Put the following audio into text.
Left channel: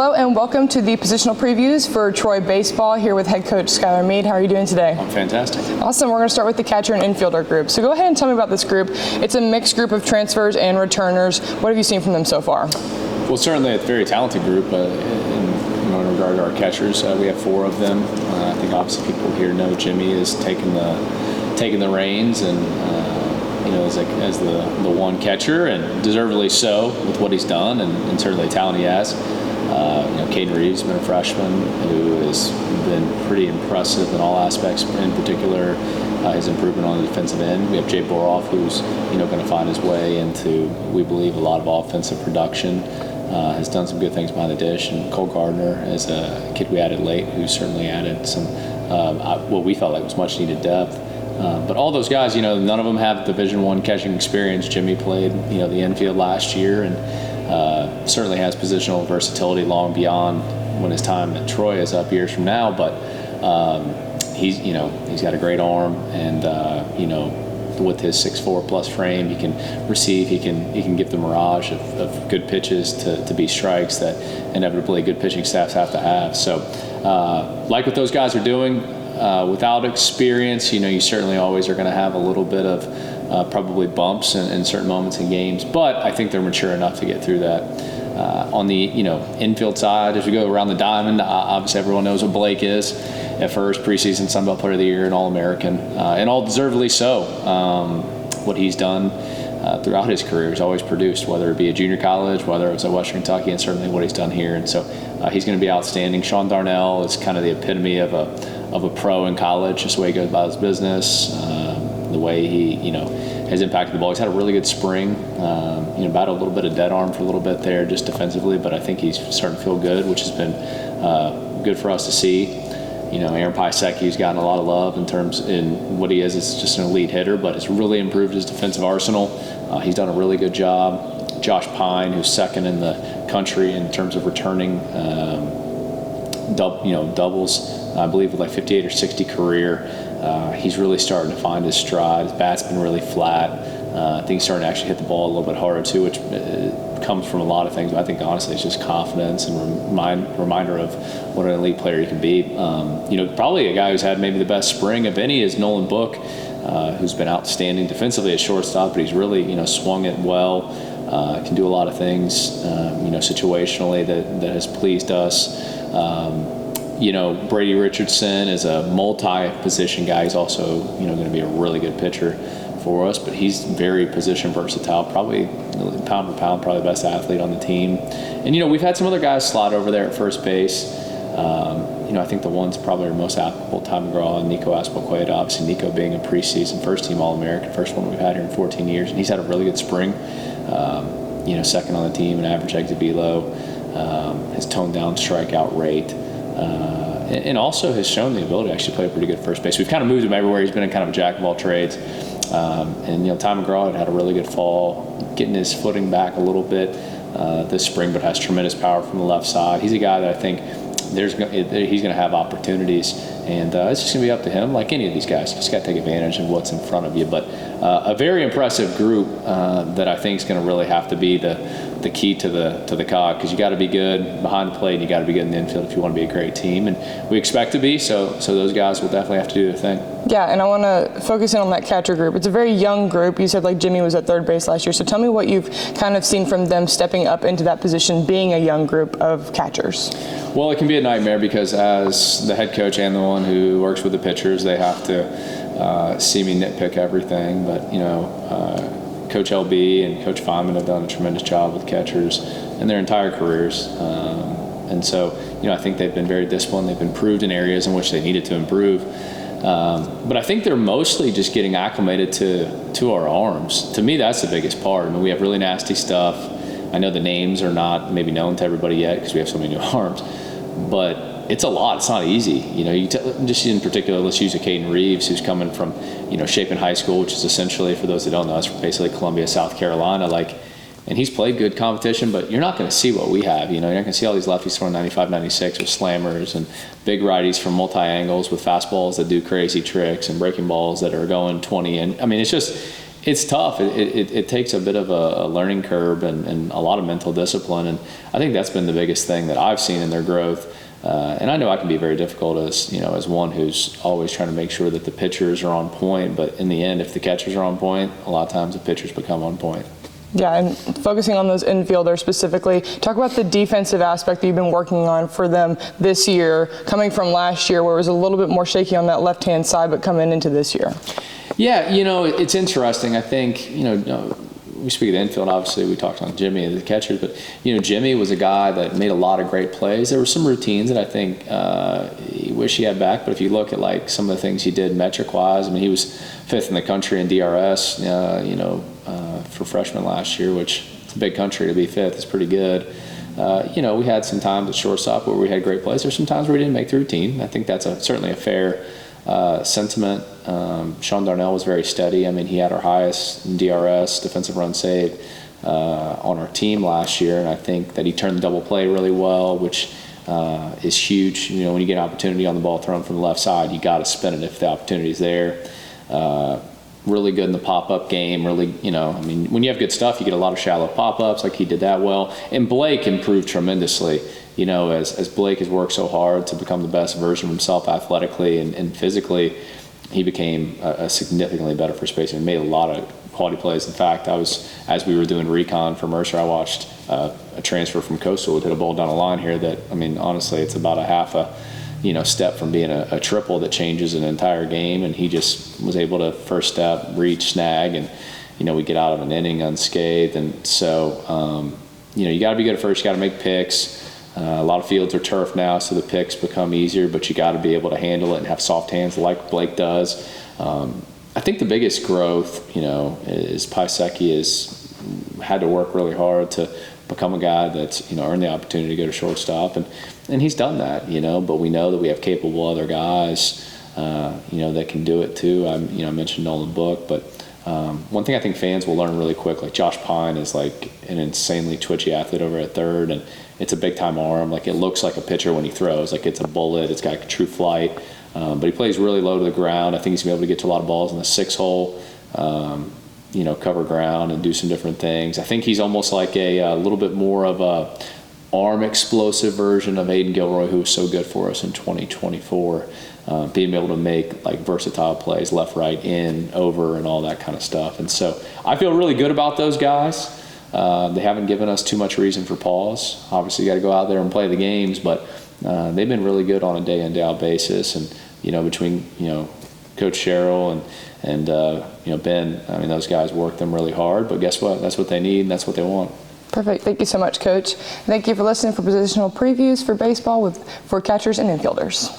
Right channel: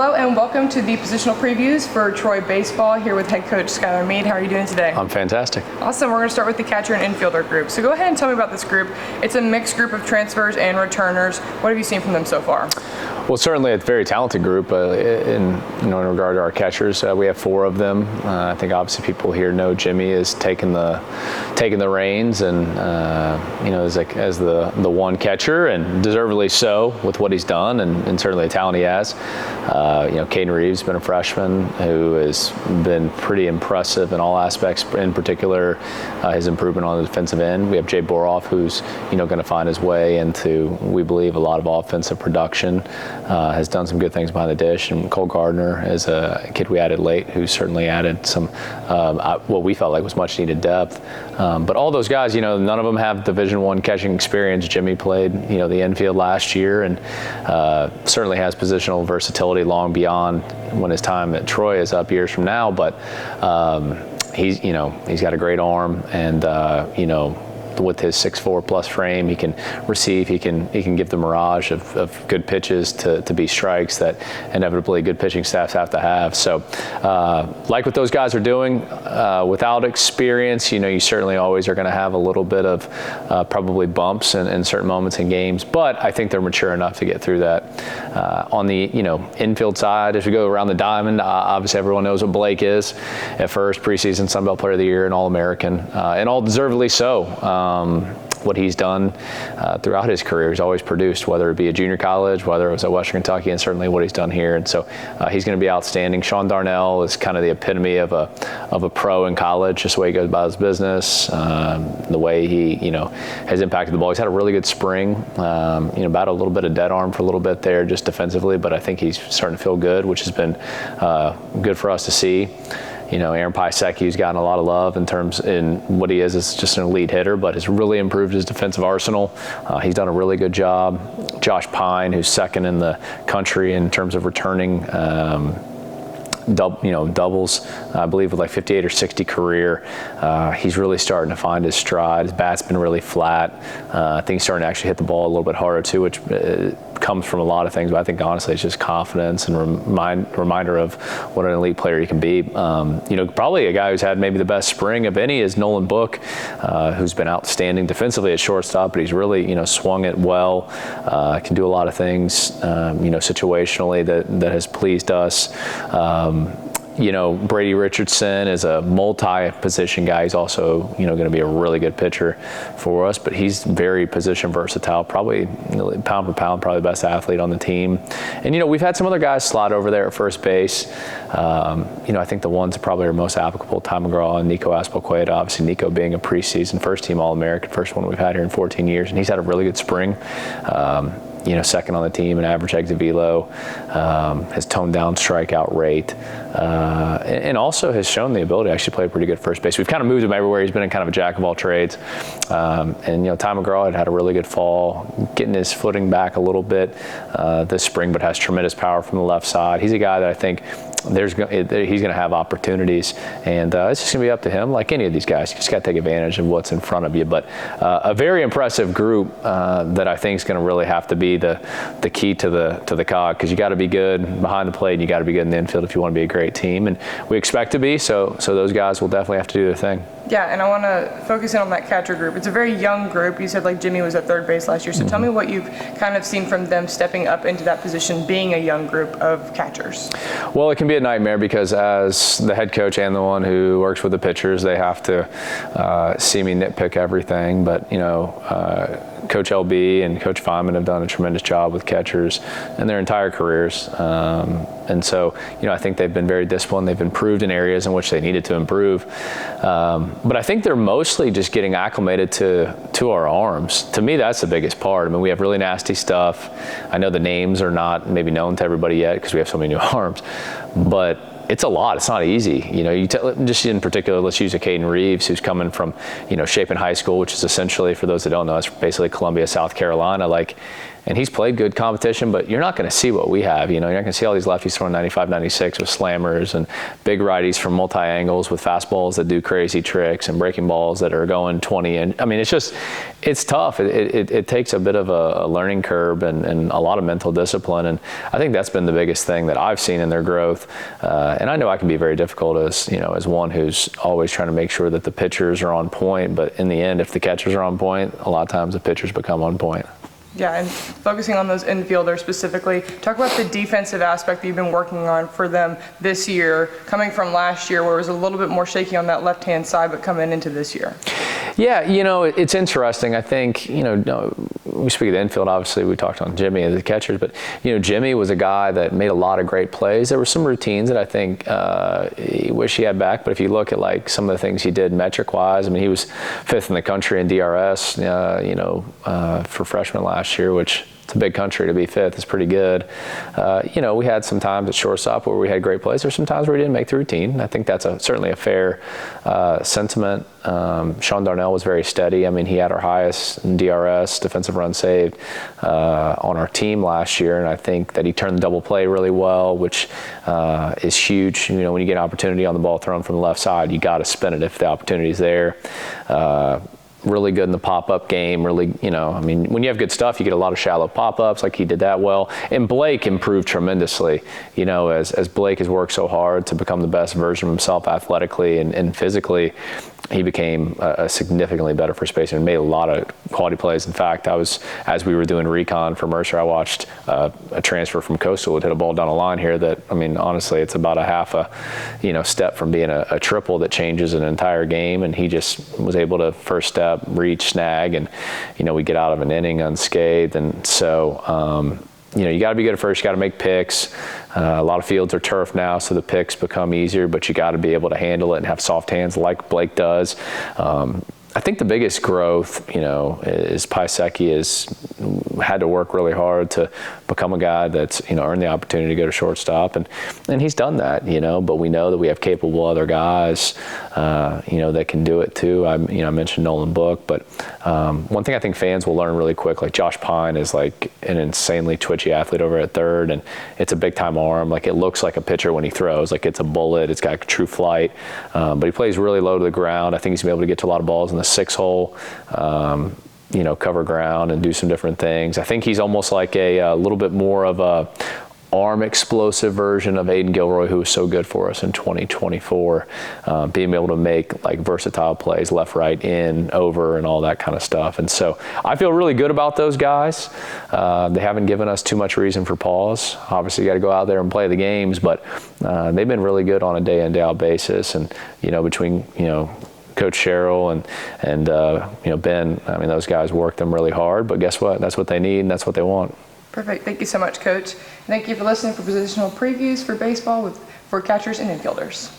Hello and welcome to the positional previews for Troy Baseball here with head coach Skylar Mead. How are you doing today? I'm fantastic. Awesome. We're going to start with the catcher and infielder group. So go ahead and tell me about this group. It's a mixed group of transfers and returners. What have you seen from them so far? Well, certainly a very talented group. In regard to our catchers, we have 4 of them. I think obviously people here know Jimmy is taking the reins and as the one catcher, and deservedly so with what he's done and certainly the talent he has. Caden Reeves has been a freshman who has been pretty impressive in all aspects, in particular his improvement on the defensive end. We have Jay Boroff, who's going to find his way into, we believe, a lot of offensive production, has done some good things behind the dish. And Cole Gardner is a kid we added late who certainly added some what we felt like was much needed depth. But all those guys, none of them have Division I catching experience. Jimmy played, the Infield last year, and certainly has positional versatility long beyond when his time at Troy is up years from now. But he's got a great arm, and with his 6'4" plus frame, he can receive. He can give the mirage of good pitches to be strikes that inevitably good pitching staffs have to have. So, like what those guys are doing, without experience, you certainly always are going to have a little bit of probably bumps in certain moments in games. But I think they're mature enough to get through that. On the infield side, as we go around the diamond, obviously everyone knows what Blake is at first, preseason Sun Belt Player of the Year and All-American, and all deservedly so. What he's done throughout his career, he's always produced, whether it be at junior college, whether it was at Western Kentucky, and certainly what he's done here. And so he's going to be outstanding. Sean Darnell is kind of the epitome of a pro in college, just the way he goes about his business, the way he has impacted the ball. He's had a really good spring. Battled a little bit of dead arm for a little bit there, just defensively, but I think he's starting to feel good, which has been good for us to see. Aaron Piasecki's gotten a lot of love in what he is as just an elite hitter, but has really improved his defensive arsenal. He's done a really good job. Josh Pine, who's second in the country in terms of returning doubles, I believe with like 58 or 60 career. He's really starting to find his stride. His bat's been really flat. I think he's starting to actually hit the ball a little bit harder too, which comes from a lot of things, but I think honestly it's just confidence and reminder of what an elite player he can be. Probably a guy who's had maybe the best spring of any is Nolan Book, who's been outstanding defensively at shortstop, but he's really swung it well, can do a lot of things situationally that has pleased us. Brady Richardson is a multi-position guy. He's also, going to be a really good pitcher for us, but he's very position versatile, probably pound for pound, probably the best athlete on the team. And, we've had some other guys slot over there at first base. I think the ones that probably are most applicable, Ty McGraw and Nico Aspelqueta. Obviously, Nico being a preseason first-team All-American, first one we've had here in 14 years, and he's had a really good spring. Second on the team in average exit velo, has toned down strikeout rate, and also has shown the ability to actually play pretty good first base. We've kind of moved him everywhere. He's been in kind of a jack of all trades. Ty McGraw had a really good fall, getting his footing back a little bit this spring, but has tremendous power from the left side. He's a guy that I think he's going to have opportunities, and it's just going to be up to him, like any of these guys. You just got to take advantage of what's in front of you. But a very impressive group that I think is going to really have to be the key to the cog, because you got to be good behind the plate, and you got to be good in the infield if you want to be a great team, and we expect to be. So those guys will definitely have to do their thing. Yeah, and I want to focus in on that catcher group. It's a very young group. You said like Jimmy was at third base last year. So tell me what you've kind of seen from them stepping up into that position, being a young group of catchers. Well, it can be a nightmare because as the head coach and the one who works with the pitchers, they have to see me nitpick everything. But, Coach LB and Coach Feynman have done a tremendous job with catchers in their entire careers. And so, I think they've been very disciplined. They've improved in areas in which they needed to improve. But I think they're mostly just getting acclimated to our arms. To me, that's the biggest part. I mean, we have really nasty stuff. I know the names are not maybe known to everybody yet because we have so many new arms. But it's a lot. It's not easy. Just in particular, let's use a Caden Reeves, who's coming from, Chapin High School, which is essentially, for those that don't know, it's basically Columbia, South Carolina. Like, And he's played good competition, but you're not going to see what we have. You're not going to see all these lefties throwing 95, 96 with slammers and big righties from multi-angles with fastballs that do crazy tricks and breaking balls that are going 20. And I mean, it's tough. It takes a bit of a learning curve and a lot of mental discipline. And I think that's been the biggest thing that I've seen in their growth. And I know I can be very difficult as one who's always trying to make sure that the pitchers are on point. But in the end, if the catchers are on point, a lot of times the pitchers become on point. Yeah, and focusing on those infielders specifically, talk about the defensive aspect that you've been working on for them this year, coming from last year where it was a little bit more shaky on that left-hand side, but coming into this year. Yeah, it's interesting. I think, we speak of the infield, obviously we talked on Jimmy and the catchers, but, Jimmy was a guy that made a lot of great plays. There were some routines that I think he wished he had back, but if you look at like some of the things he did metric-wise, I mean, he was 5th in the country in DRS, for freshman last year, which it's a big country to be 5th. It's pretty good. We had some times at shortstop where we had great plays. There's some times where we didn't make the routine. I think that's certainly a fair sentiment. Sean Darnell was very steady. I mean, he had our highest in DRS, defensive run saved, on our team last year, and I think that he turned the double play really well, which is huge. When you get an opportunity on the ball thrown from the left side, you got to spin it if the opportunity's there. Really good in the pop-up game. Really, when you have good stuff, you get a lot of shallow pop-ups. Like he did that well. And Blake improved tremendously. As Blake has worked so hard to become the best version of himself athletically and physically, he became a significantly better first baseman and made a lot of quality plays. In fact, as we were doing recon for Mercer, I watched a transfer from Coastal would hit a ball down the line here that, honestly, it's about a half a step from being a triple that changes an entire game, and he just was able to first step, reach, snag, and we get out of an inning unscathed. And so you got to be good at first. You got to make picks. A lot of fields are turf now, so the picks become easier, but you got to be able to handle it and have soft hands like Blake does. I think the biggest growth, is Piasecki has had to work really hard to become a guy that's, earned the opportunity to go to shortstop, and he's done that, but we know that we have capable other guys, that can do it too. I mentioned Nolan Book, but one thing I think fans will learn really quick, like Josh Pine is like an insanely twitchy athlete over at third, and it's a big time arm. Like it looks like a pitcher when he throws, like it's a bullet, it's got true flight, but he plays really low to the ground. I think he's gonna be able to get to a lot of balls in the 6-hole, cover ground and do some different things. I think he's almost like a little bit more of a arm explosive version of Aiden Gilroy, who was so good for us in 2024, being able to make like versatile plays, left, right, in, over, and all that kind of stuff. And so I feel really good about those guys. They haven't given us too much reason for pause. Obviously, you got to go out there and play the games, but they've been really good on a day in, day out basis. And between Coach Sherrill and Ben, those guys work them really hard. But guess what? That's what they need, and that's what they want. Perfect. Thank you so much, Coach. Thank you for listening for positional previews for baseball for catchers and infielders.